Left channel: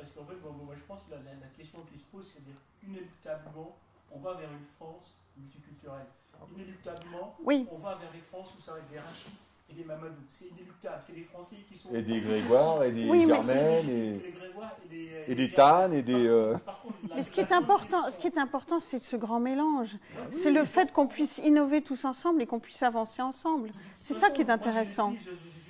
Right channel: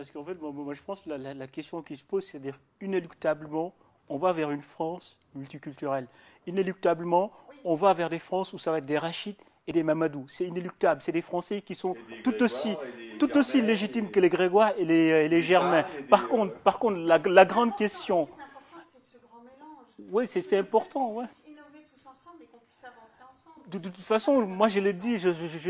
Parce qu'en fait, moi, je pense que la question qui se pose, c'est-à-dire inéluctablement, on va vers une France multiculturelle. Inéluctablement, Oui. on va vers des France où ça va être des Rachid et des Mamadou. C'est inéluctable. C'est des Français qui sont tout aussi légitimes que les Grégoire et les Germains. Par contre, la grande question... Ce qui est important, c'est ce grand mélange. Oui, c'est le fait qu'on puisse innover tous ensemble et qu'on puisse avancer ensemble. De toute façon, moi je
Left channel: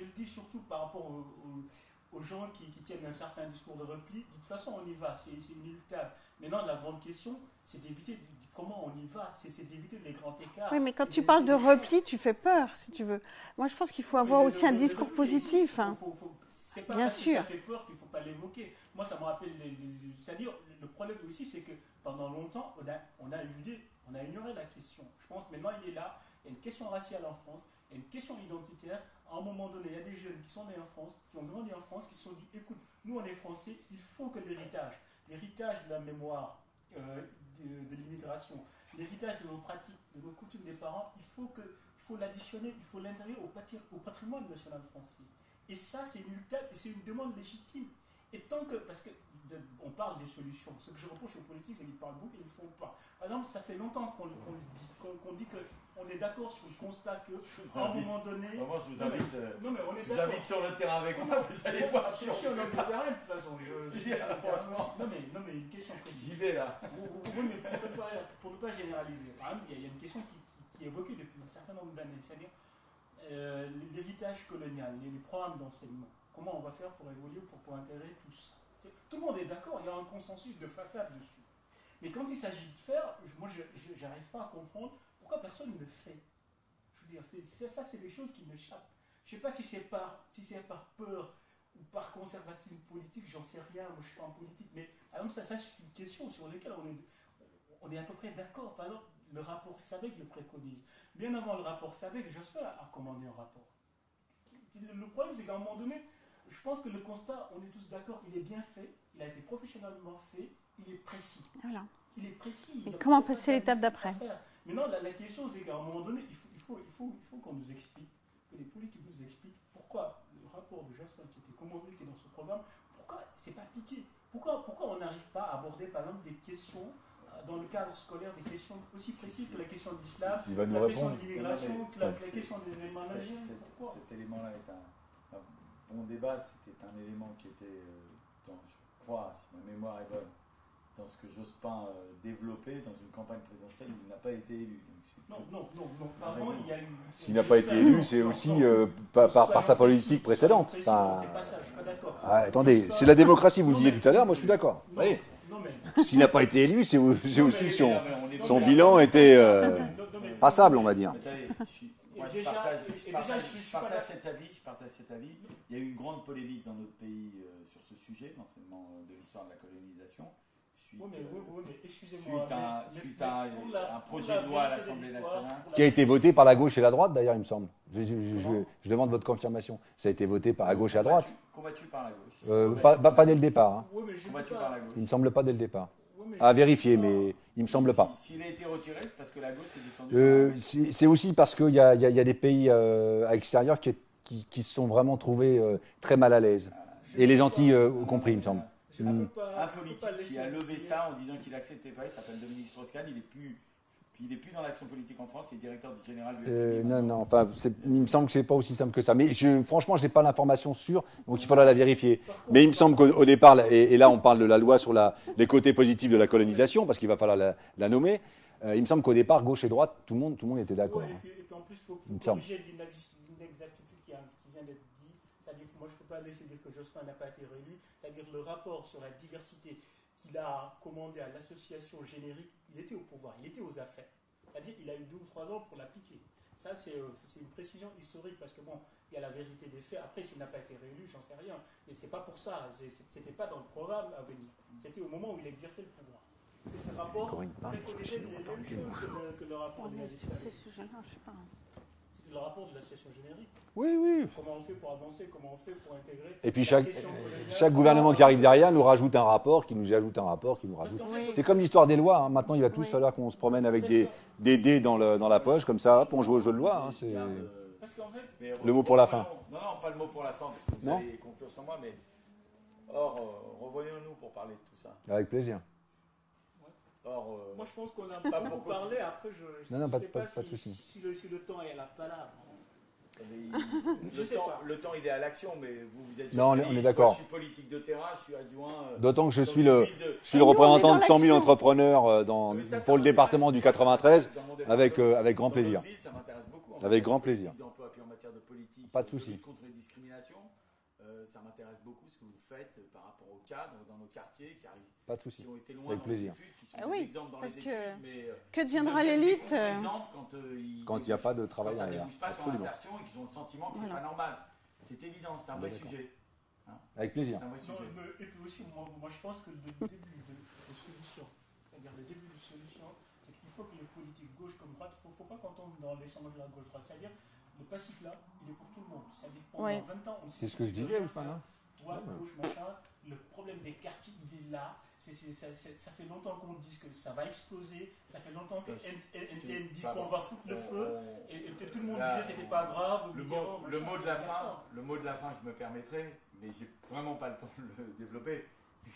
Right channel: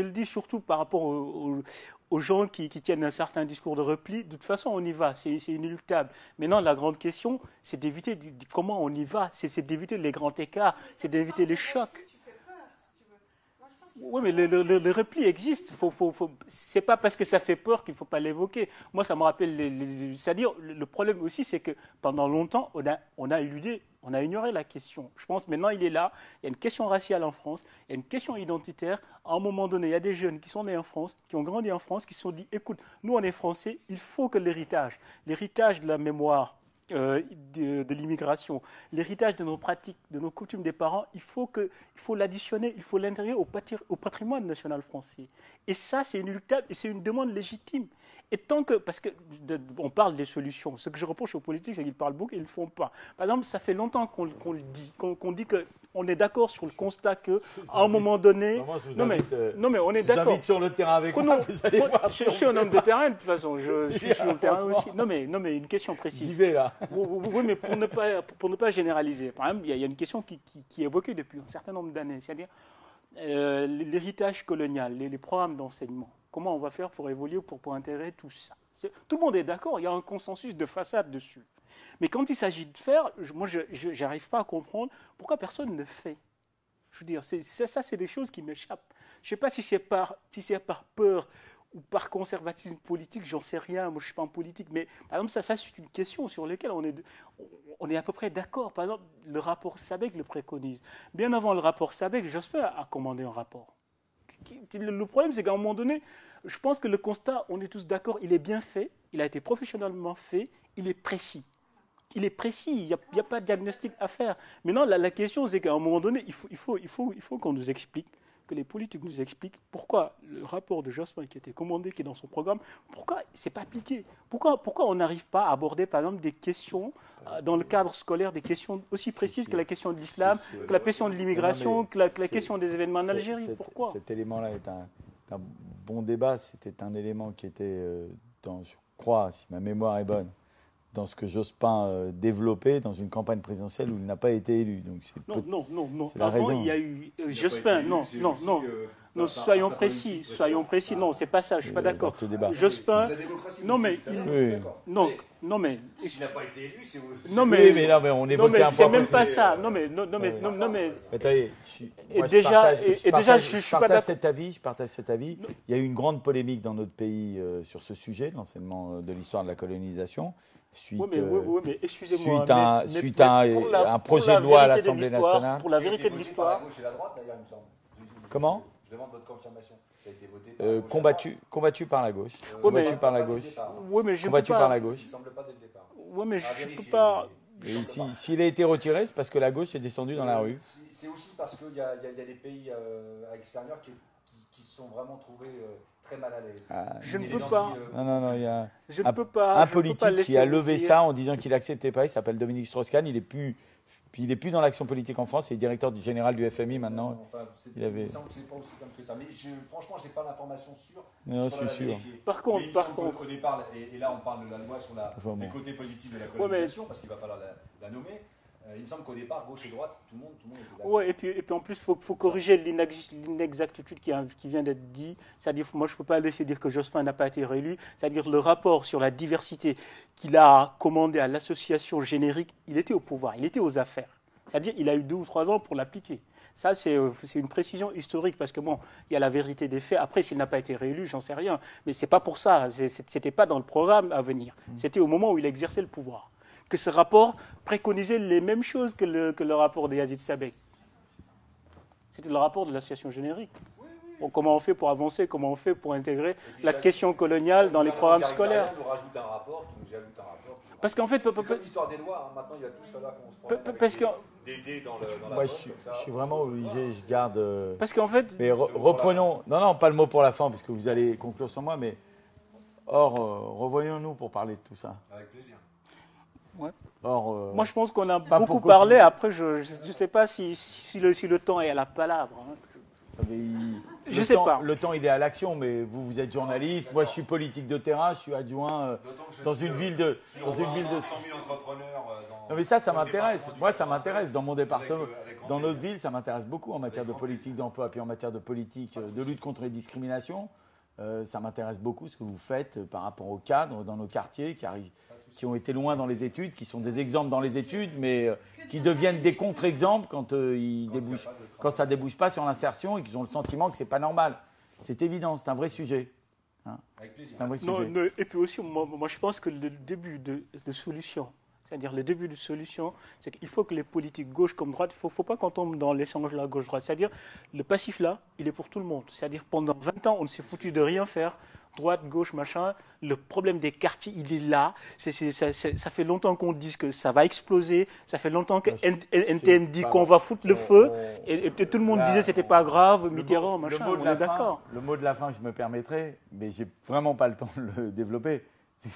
le dis surtout par rapport aux gens qui tiennent un certain discours de repli. De toute façon, on y va, c'est inéluctable. Maintenant, la grande question, c'est d'éviter comment on y va, c'est d'éviter les grands écarts. Oui, mais quand tu parles de repli, tu fais peur, si tu veux. Moi, je pense qu'il faut avoir aussi un discours repli existe. C'est pas parce que ça fait peur qu'il ne faut pas l'évoquer. Moi, ça me rappelle... C'est-à-dire, le problème aussi, c'est que pendant longtemps, on a éludé, on a ignoré la question. Je pense maintenant, il est là. Il y a une question raciale en France, il y a une question identitaire. À un moment donné, il y a des jeunes qui sont nés en France, qui ont grandi en France, qui se sont dit, écoute, nous, on est Français, il faut que l'héritage de la mémoire, de l'immigration, l'héritage de nos pratiques, de nos coutumes des parents, il faut l'additionner, il faut l'intégrer au patrimoine national français. Et ça, c'est inéluctable et c'est une demande légitime. Et tant que, parce qu'on parle des solutions, ce que je reproche aux politiques, c'est qu'ils parlent beaucoup et ils ne le font pas. Par exemple, ça fait longtemps qu'on le dit, qu'on dit qu'on est d'accord sur le constat qu'à un moment donné... Non, mais on est d'accord. Je vous invite sur le terrain avec moi, vous allez voir. Je suis un homme de terrain, de toute façon. Je suis sur le terrain aussi. Non, mais une question précise. J'y vais, là. Oui, mais pour ne pas généraliser. Par exemple, il y a une question qui est évoquée depuis un certain nombre d'années, c'est-à-dire l'héritage colonial, les programmes d'enseignement. Comment on va faire pour évoluer, pour intégrer tout ça? Tout le monde est d'accord, il y a un consensus de façade dessus. Mais quand il s'agit de faire, moi, je n'arrive pas à comprendre pourquoi personne ne le fait. Je veux dire, ça, c'est des choses qui m'échappent. Je ne sais pas si c'est par peur ou par conservatisme politique, j'en sais rien, moi je ne suis pas en politique, mais par exemple, ça c'est une question sur laquelle on est à peu près d'accord. Par exemple, le rapport Sabec le préconise. Bien avant le rapport Sabec, Jospin a commandé un rapport. Le problème, c'est qu'à un moment donné, je pense que le constat, on est tous d'accord, il est bien fait, il a été professionnellement fait, il est précis. Voilà. Il est précis, il n'y a pas de diagnostic à faire. Maintenant, la question, c'est qu'à un moment donné, il faut qu'on nous explique, que les politiques nous expliquent pourquoi le rapport de Jospin qui a été commandé, qui est dans son programme, pourquoi ce n'est pas appliqué. Pourquoi on n'arrive pas à aborder, par exemple, des questions dans le cadre scolaire, des questions aussi précises que la question de l'islam, que la question de l'immigration, que la question des événements en Algérie. Pourquoi? Cet élément-là est un bon débat. C'était un élément qui était, je crois, si ma mémoire est bonne, dans ce que Jospin développait dans une campagne présidentielle où il n'a pas été élu. Donc non. C'est la raison. Il y a eu Jospin, c'est aussi par sa politique précédente. Précis, non, c'est pas ça, je ne suis pas d'accord. Attendez, c'est la démocratie, vous disiez tout à l'heure, moi je suis d'accord. Non, mais... S'il n'a pas été élu, c'est... Non, mais on évoque un bilan était passable, on va dire. Je partage cet avis. Il y a eu une grande polémique dans notre pays sur ce sujet, l'enseignement de l'histoire de la colonisation. Suite à un projet de loi à l'Assemblée nationale qui a été voté par la gauche et la droite, d'ailleurs, il me semble. Comment ? Je demande votre confirmation. Ça a été voté par la gauche et la droite. Combattu par la gauche. Pas dès le départ. Combattu par la gauche. Il ne me semble pas dès le départ. À vérifier, mais il ne me semble pas. S'il a été retiré, c'est parce que la gauche est descendue dans la rue. C'est aussi parce qu'il y a des pays à l'extérieur qui se sont vraiment trouvés très mal à l'aise. Et les gentils y compris, il me semble. Un politique qui a levé ça en disant qu'il n'acceptait pas, il s'appelle Dominique Strauss-Kahn, il est plus dans l'action politique en France, il est directeur général du FMI maintenant. Il me semble que ce n'est pas aussi simple que ça. Mais franchement, je n'ai pas l'information sûre, donc il faudra la vérifier. Mais il me semble qu'au départ, et là on parle de la loi sur les côtés positifs de la colonisation, parce qu'il va falloir la nommer. Il me semble qu'au départ, gauche et droite, tout le monde était d'accord. Oui, et puis en plus, il faut corriger l'inexactitude qui vient d'être dit. C'est-à-dire, moi, je ne peux pas laisser dire que Jospin n'a pas été réélu. C'est-à-dire, le rapport sur la diversité qu'il a commandé à l'association générique, il était au pouvoir, il était aux affaires. C'est-à-dire, il a eu 2 ou 3 ans pour l'appliquer. Ça, c'est une précision historique, parce que bon, il y a la vérité des faits. Après, s'il n'a pas été réélu, j'en sais rien. Mais ce n'est pas pour ça. Ce n'était pas dans le programme à venir. C'était au moment où il exerçait le pouvoir. Que ce rapport préconisait les mêmes choses que le rapport de Yazid Sabek. C'était le rapport de l'association générique. Oui. Comment on fait pour avancer, comment on fait pour intégrer la question coloniale chaque dans gouvernement qui arrive derrière nous rajoute un rapport, qui nous ajoute un rapport. Parce qu'en fait, c'est comme l'histoire des lois. Maintenant, il va tous falloir qu'on se promène avec des dés dans la poche, comme ça, pour jouer au jeu de loi. Parce qu'en fait... Reprenons... Non, pas le mot pour la fin, parce que vous allez conclure sur moi, mais... Or, revoyons-nous pour pour parler de tout ça. Avec plaisir. Ouais. Or, moi, je pense qu'on a beaucoup parlé. Après, je ne sais pas si le temps est à la palabre. Je ne sais pas. Le temps, il est à l'action, mais vous êtes journaliste. Moi, je suis politique de terrain, je suis adjoint. D'autant que je suis le représentant de 100 000 entrepreneurs pour le département du 93, avec grand plaisir. Dans notre ville, ça m'intéresse beaucoup en matière de politique d'emploi, puis en matière de politique de lutte contre les discriminations. Ça m'intéresse beaucoup ce que vous faites par rapport aux cadres dans nos quartiers qui ont été loin dans les études, qui sont des exemples dans les études, mais qui deviennent des contre-exemples quand ça ne débouche pas sur l'insertion et qu'ils ont le sentiment que ce n'est pas normal. C'est évident, c'est un vrai sujet. Avec plaisir. C'est un vrai sujet. Et puis aussi, moi je pense que le début de solution, c'est-à-dire le début de solution, c'est qu'il faut que les politiques gauche comme droite, il ne faut pas qu'on tombe dans l'échange là gauche-droite. C'est-à-dire le passif là, il est pour tout le monde. C'est-à-dire pendant 20 ans, on ne s'est foutu de rien faire. Droite, gauche, machin. Le problème des quartiers, il est là. Ça fait longtemps qu'on dit que ça va exploser. Ça fait longtemps que NTM dit qu'on va foutre le feu. Et tout le monde disait que ce n'était pas grave, Mitterrand, machin. On est d'accord. Le mot de la fin, je me permettrai, mais je n'ai vraiment pas le temps de le développer.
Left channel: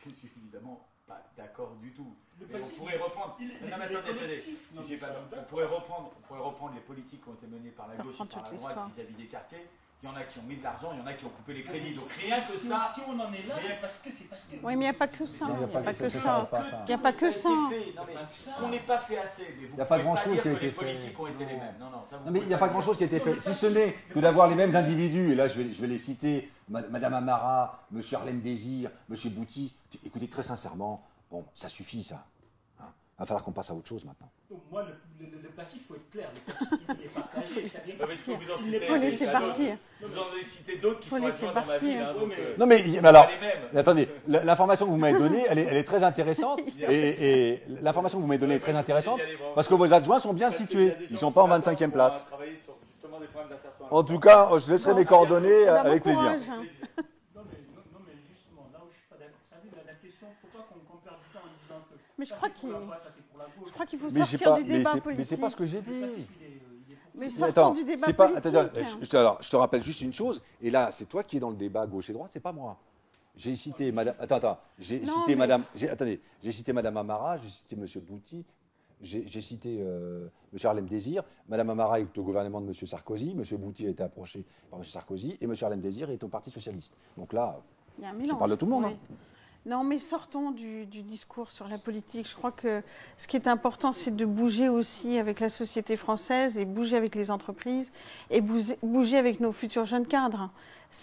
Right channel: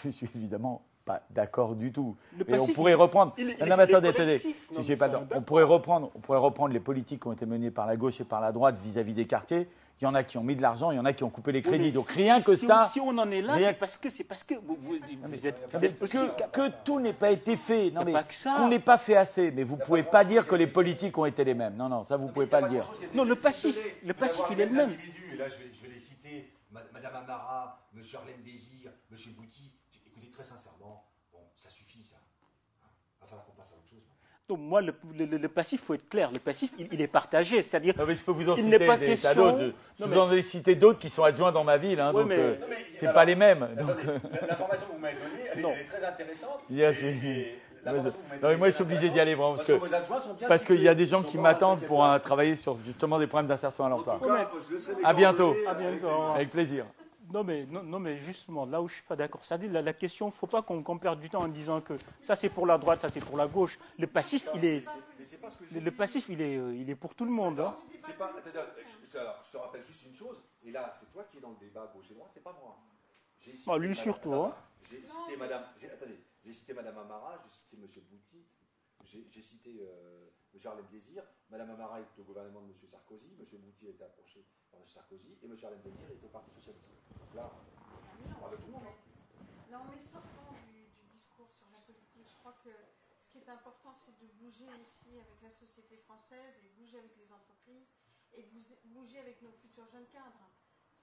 Je suis évidemment pas d'accord du tout. Et on pourrait reprendre. Attendez. On pourrait reprendre les politiques qui ont été menées par la gauche et par la droite vis-à-vis des quartiers. Il y en a qui ont mis de l'argent, il y en a qui ont coupé les crédits. Donc rien que ça. Si on en est là, c'est parce que. Oui, mais il n'y a pas que ça. Que tout n'a pas été fait. Non, mais qu'on n'ait pas fait assez. Mais vous ne pouvez pas dire que les politiques ont été les mêmes. Non, ça vous pouvez pas le dire. Il n'y a pas grand-chose qui a été fait. Si ce n'est que d'avoir les mêmes individus. Et là, je vais les citer. Madame Amara, Monsieur Harlem Désir, Monsieur Bouty. Écoutez, très sincèrement, bon, ça suffit, ça. Il va falloir qu'on passe à autre chose maintenant. Donc moi, le passif, il faut être clair. Le passif, il est partagé. C'est-à-dire, je peux vous en citer d'autres. Je vous en ai cité d'autres qui sont adjoints dans ma ville. Non, mais c'est pas les mêmes. Attendez, l'information que vous m'avez donnée, elle est très intéressante. Et l'information que vous m'avez donnée est très intéressante. Moi, je suis obligé d'y aller vraiment. Parce que vos adjoints sont bien situés. Parce qu'il y a des gens qui m'attendent pour travailler sur justement des problèmes d'insertion à l'emploi. En tout cas, je laisserai mes coordonnées avec plaisir. Avec plaisir. Non mais justement, là où je ne suis pas d'accord, c'est-à-dire la question, il ne faut pas qu'on perde du temps en disant que ça c'est pour la droite, ça c'est pour la gauche. Je crois qu'il faut sortir du débat politique. Mais c'est pas ce que j'ai dit. Le passif, il est pour tout le monde. Attends, je te rappelle juste une chose, et là c'est toi qui es dans le débat gauche et droite, c'est pas moi. J'ai cité j'ai cité Madame Amara, j'ai cité Monsieur Bouty. J'ai cité M. Harlem Désir. Mme Amara est au gouvernement de M. Sarkozy. M. Bouty a été approché par M. Sarkozy. Et M. Harlem Désir est au Parti Socialiste. Donc là, je parle de tout le monde. Oui. Non, mais sortons du discours sur la politique. Je crois que ce qui est important, c'est de bouger aussi avec la société française et bouger avec les entreprises et bouger avec nos futurs jeunes cadres.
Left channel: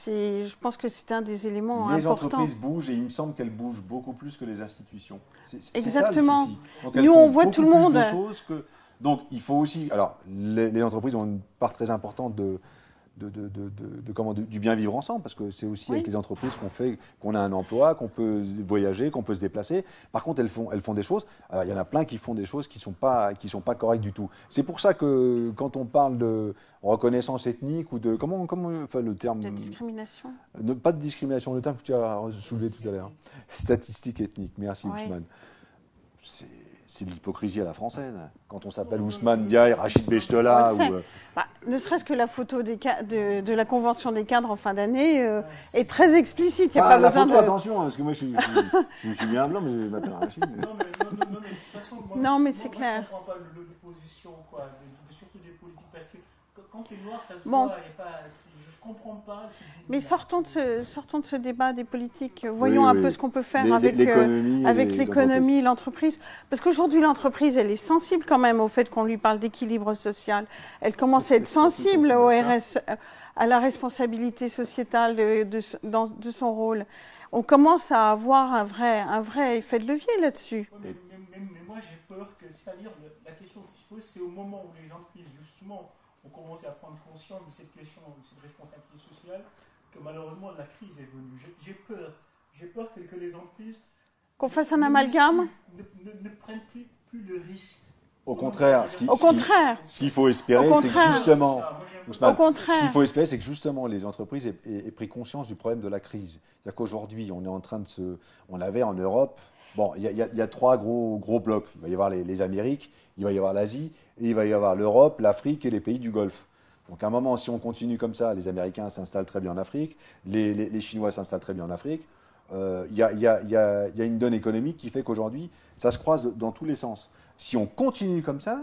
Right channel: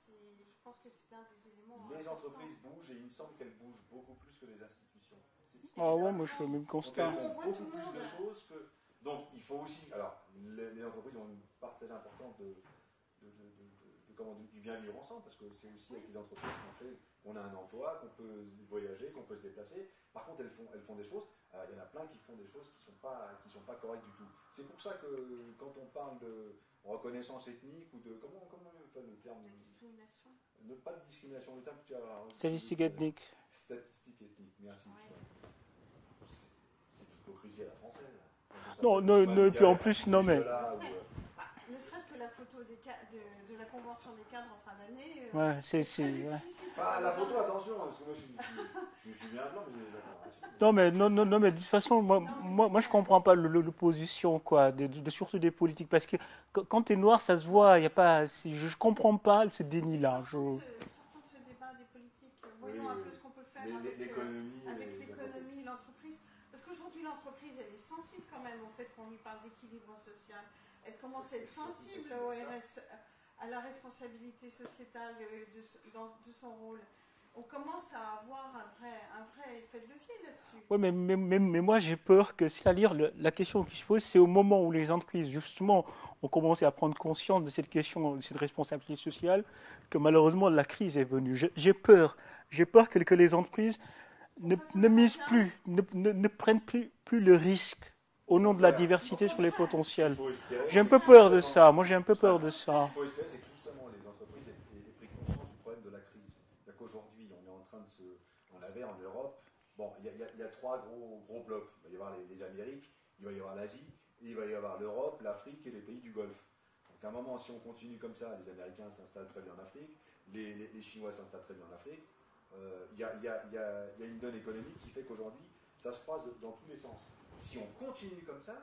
Je pense que c'est un des éléments importants. Les entreprises bougent et il me semble qu'elles bougent beaucoup plus que les institutions. Exactement. Nous, on voit tout le monde. Donc, il faut aussi... Alors, les entreprises ont une part très importante du bien vivre ensemble, parce que c'est aussi avec les entreprises qu'on a un emploi, qu'on peut voyager, qu'on peut se déplacer. Par contre, elles font des choses. Alors, il y en a plein qui font des choses qui sont pas correctes du tout. C'est pour ça que quand on parle de reconnaissance ethnique ou de le terme de discrimination. Pas de discrimination, le terme que tu as soulevé tout à l'heure. Statistique ethnique. Merci Ousmane. C'est de l'hypocrisie à la française. Quand on s'appelle Ousmane Dia, Rachid Bechtola. Ne serait-ce que la photo de la convention des cadres en fin d'année est très explicite. Il n'y a pas besoin de... Attention, parce que moi je suis bien blanc, mais je m'appelle Rachid. Non, mais de toute façon, moi je ne comprends pas l'opposition, surtout des politiques. Parce que quand tu es noir, ça se voit. Y a pas, je ne comprends pas ce déni. Mais sortons de ce débat des politiques. Voyons un peu ce qu'on peut faire avec l'économie, l'entreprise. Parce qu'aujourd'hui, l'entreprise, elle est sensible quand même au fait qu'on lui parle d'équilibre social. Elle commence à être sensible au RS, à la responsabilité sociétale de son rôle. On commence à avoir un vrai effet de levier là-dessus. Oui, mais moi j'ai peur que, c'est-à-dire la question qui se pose, c'est au moment où les entreprises justement ont commencé à prendre conscience de cette question, de cette responsabilité sociale, que malheureusement la crise est venue. J'ai peur que les entreprises ne prennent plus le risque. Au contraire, ce qu'il faut espérer, c'est que justement, moi j'ai un peu peur de ça. Ce qu'il faut espérer, c'est que justement les entreprises aient pris conscience du problème de la crise. C'est-à-dire qu'aujourd'hui, on est en train de on avait en Europe, il y a trois gros blocs. Il va y avoir les Amériques, il va y avoir l'Asie, et il va y avoir l'Europe, l'Afrique et les pays du Golfe. Donc à un moment, si on continue comme ça, les Américains s'installent très bien en Afrique, les Chinois s'installent très bien en Afrique. il y a une donne économique qui fait qu'aujourd'hui, ça se croise dans tous les sens. Si on continue comme ça,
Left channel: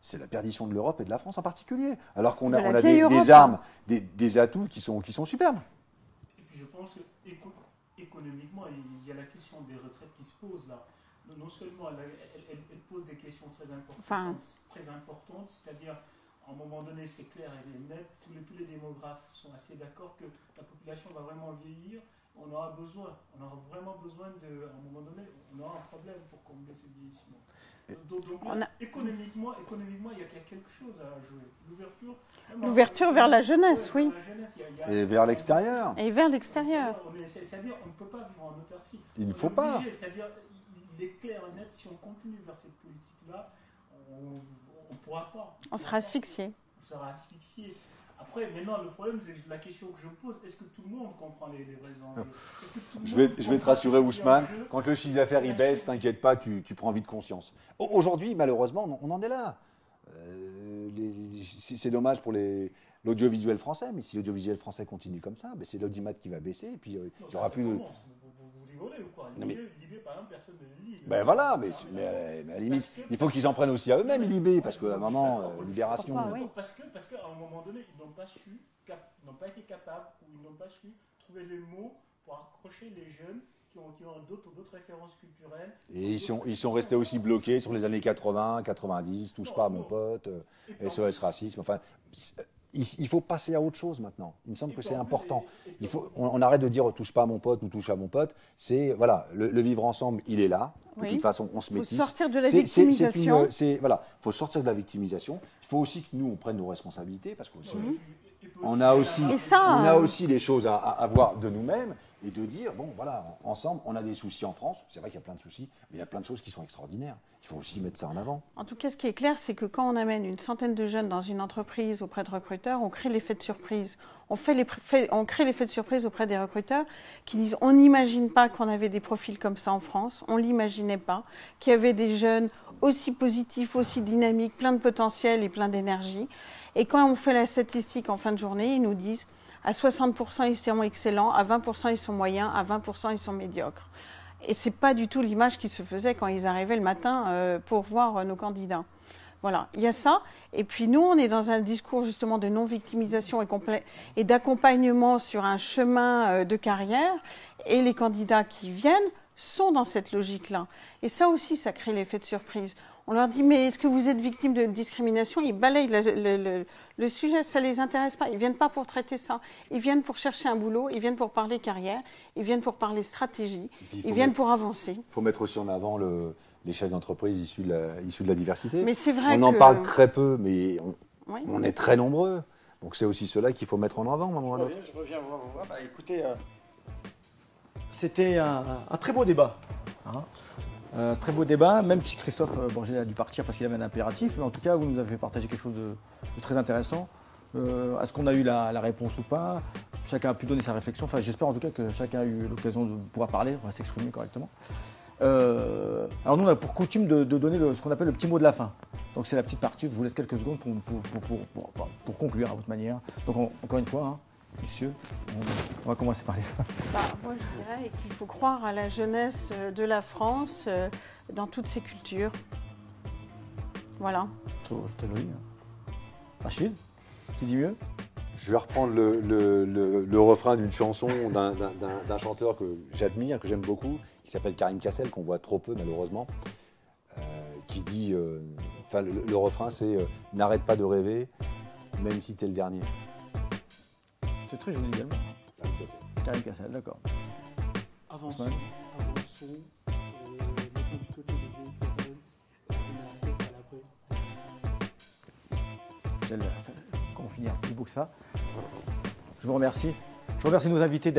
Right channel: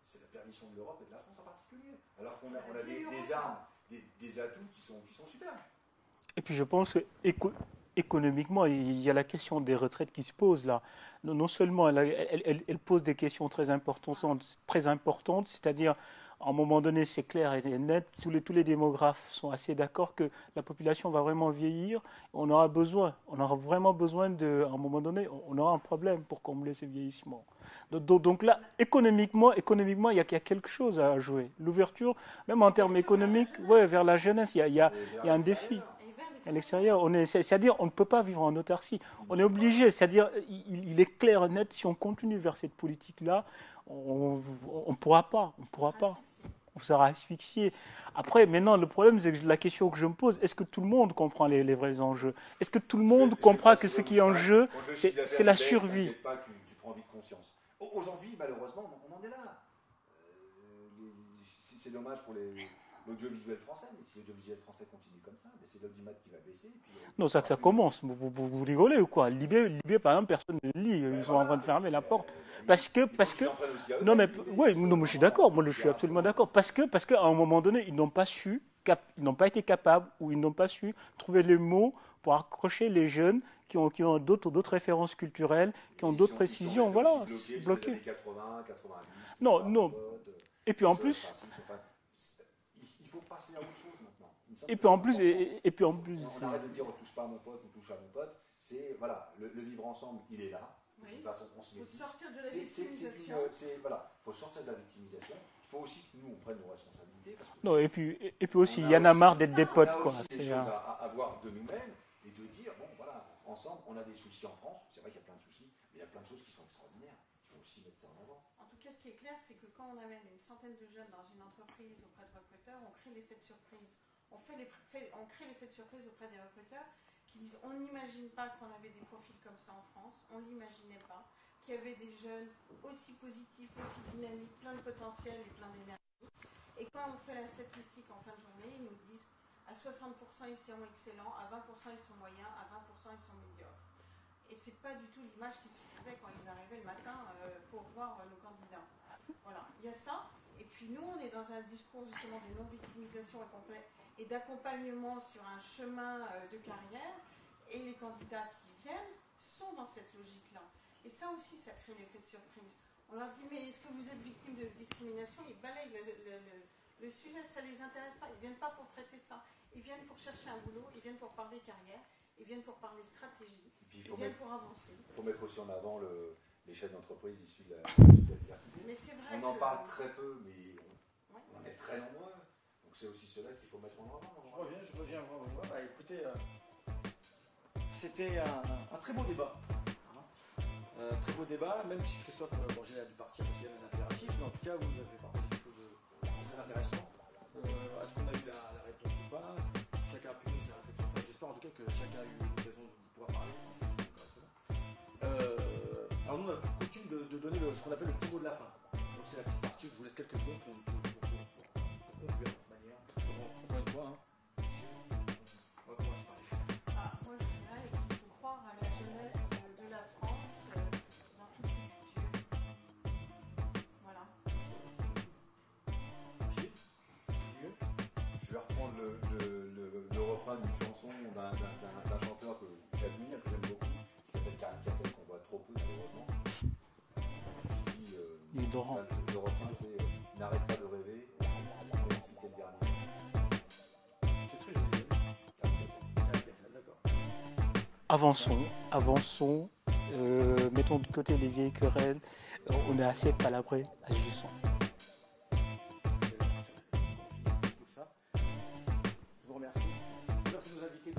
c'est la perdition de l'Europe et de la France en particulier. Alors qu'on a des armes, des atouts qui sont superbes. Et puis je pense qu'économiquement, il y a la question des retraites qui se pose là. Non seulement elle pose des questions très importantes, c'est-à-dire à un moment donné, c'est clair et net, tous les démographes sont assez d'accord que la population va vraiment vieillir. On aura vraiment besoin à un moment donné, on aura un problème pour combler ce vieillissement. Donc là, économiquement, il y a quelque chose à jouer. L'ouverture, même en termes économiques, vers la jeunesse. Ouais, vers la jeunesse, il y a et vers l'extérieur. Et vers l'extérieur. C'est-à-dire, on ne peut pas vivre en autarcie. On est obligé. C'est-à-dire, il est clair et net, si on continue vers cette politique-là, on ne pourra pas. On sera asphyxié. On sera asphyxié. Après, maintenant, le problème, c'est que la question que je me pose, est-ce que tout le monde comprend les vrais enjeux? Est-ce que tout le monde comprend que ce qui est en jeu, quand le chiffre d'affaires baisse, t'inquiète pas, tu prends vite conscience. Aujourd'hui, malheureusement, on en est là. C'est dommage pour l'audiovisuel français, mais si l'audiovisuel français continue comme ça, c'est l'audimat qui va baisser. Et puis, non, ça commence. Vous rigolez ou quoi? Libé, par exemple, personne ne lit. Voilà, fermer la porte. Il faut qu'ils en prennent aussi à eux. Oui, je suis d'accord. Moi, je suis absolument d'accord. Parce qu'à un moment donné, ils n'ont pas été capables ou ils n'ont pas su trouver les mots pour accrocher les jeunes qui ont d'autres références culturelles, qui ont d'autres précisions. Ils sont restés aussi bloqués sur les années 80, 90, touche pas à mon pote, SOS racisme. Enfin, il faut passer à autre chose maintenant. Il me semble que c'est important. On arrête de dire touche pas à mon pote ou touche à mon pote. C'est voilà, le vivre ensemble, il est là. De toute façon, on se métisse. Il faut sortir de la victimisation. Voilà, il faut sortir de la victimisation. Il faut aussi que nous on prenne nos responsabilités parce que et puis aussi, il y en a marre d'être on a aussi des choses à voir de nous-mêmes et de dire bon voilà, ensemble, on a des soucis en France. C'est vrai qu'il y a plein de soucis, mais il y a plein de choses qui sont extraordinaires. Il faut aussi mettre ça en avant. En tout cas, ce qui est clair, c'est que quand on amène une centaine de jeunes dans une entreprise auprès de recruteurs, on crée l'effet de surprise. On crée l'effet de surprise auprès des recruteurs qui disent on n'imagine pas qu'on avait des profils comme ça en France, on ne l'imaginait pas, qu'il y avait des jeunes aussi positifs, aussi dynamiques, plein de potentiel et plein d'énergie. Et quand on fait la statistique en fin de journée, ils nous disent à 60% ils sont excellents, à 20% ils sont moyens, à 20% ils sont médiocres. Et ce n'est pas du tout l'image qui se faisait quand ils arrivaient le matin pour voir nos candidats. Voilà, il y a ça. Et puis nous, on est dans un discours justement de non-victimisation et d'accompagnement sur un chemin de carrière. Et les candidats qui viennent sont dans cette logique-là. Et ça aussi, ça crée l'effet de surprise. On leur dit, mais est-ce que vous êtes victime de discrimination? Ils balayent le sujet, ça ne les intéresse pas. Ils ne viennent pas pour traiter ça. Ils viennent pour chercher un boulot, ils viennent pour parler carrière, ils viennent pour parler stratégie, ils viennent pour avancer. Il faut mettre aussi en avant les chefs d'entreprise issus de la diversité. Mais c'est vrai on en parle très peu, mais on est très nombreux. Donc c'est aussi cela qu'il faut mettre en avant. Je reviens voir. Écoutez, c'était un très beau débat. Très beau débat, même si Christophe Borgé a dû partir parce qu'il avait un impératif, mais en tout cas, vous nous avez partagé quelque chose de très intéressant. Est-ce qu'on a eu la réponse ou pas? Chacun a pu donner sa réflexion. Enfin, j'espère en tout cas que chacun a eu l'occasion de pouvoir parler, de s'exprimer correctement. Alors nous, on a pour coutume de donner ce qu'on appelle le petit mot de la fin. Donc c'est la petite partie, je vous laisse quelques secondes pour conclure à votre manière. Donc encore une fois, messieurs, on va commencer par les femmes. Moi, je dirais qu'il faut croire à la jeunesse de la France dans toutes ses cultures. Voilà. C'était joli. Rachid, tu dis mieux? Je vais reprendre le refrain d'une chanson d'un chanteur que j'admire, que j'aime beaucoup, qui s'appelle Karim Kassel, qu'on voit trop peu malheureusement, qui dit, le refrain c'est « N'arrête pas de rêver, même si t'es le dernier ». C'est très joli également. Karim Kassel, d'accord. Avançons, mettons de côté les vieilles querelles, on est assez palabrés, On finit plus beau que ça. Je vous remercie. Je remercie nos invités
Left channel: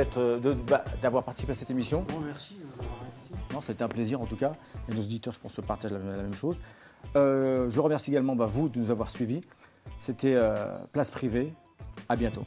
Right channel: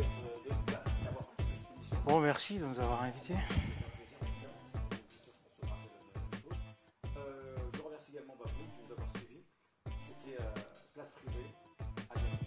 d'avoir participé à cette émission. Bon, merci de nous avoir invités. C'était un plaisir en tout cas. Et nos auditeurs, je pense, partagent la même chose. Je remercie également vous de nous avoir suivis. C'était Place Privée. À bientôt.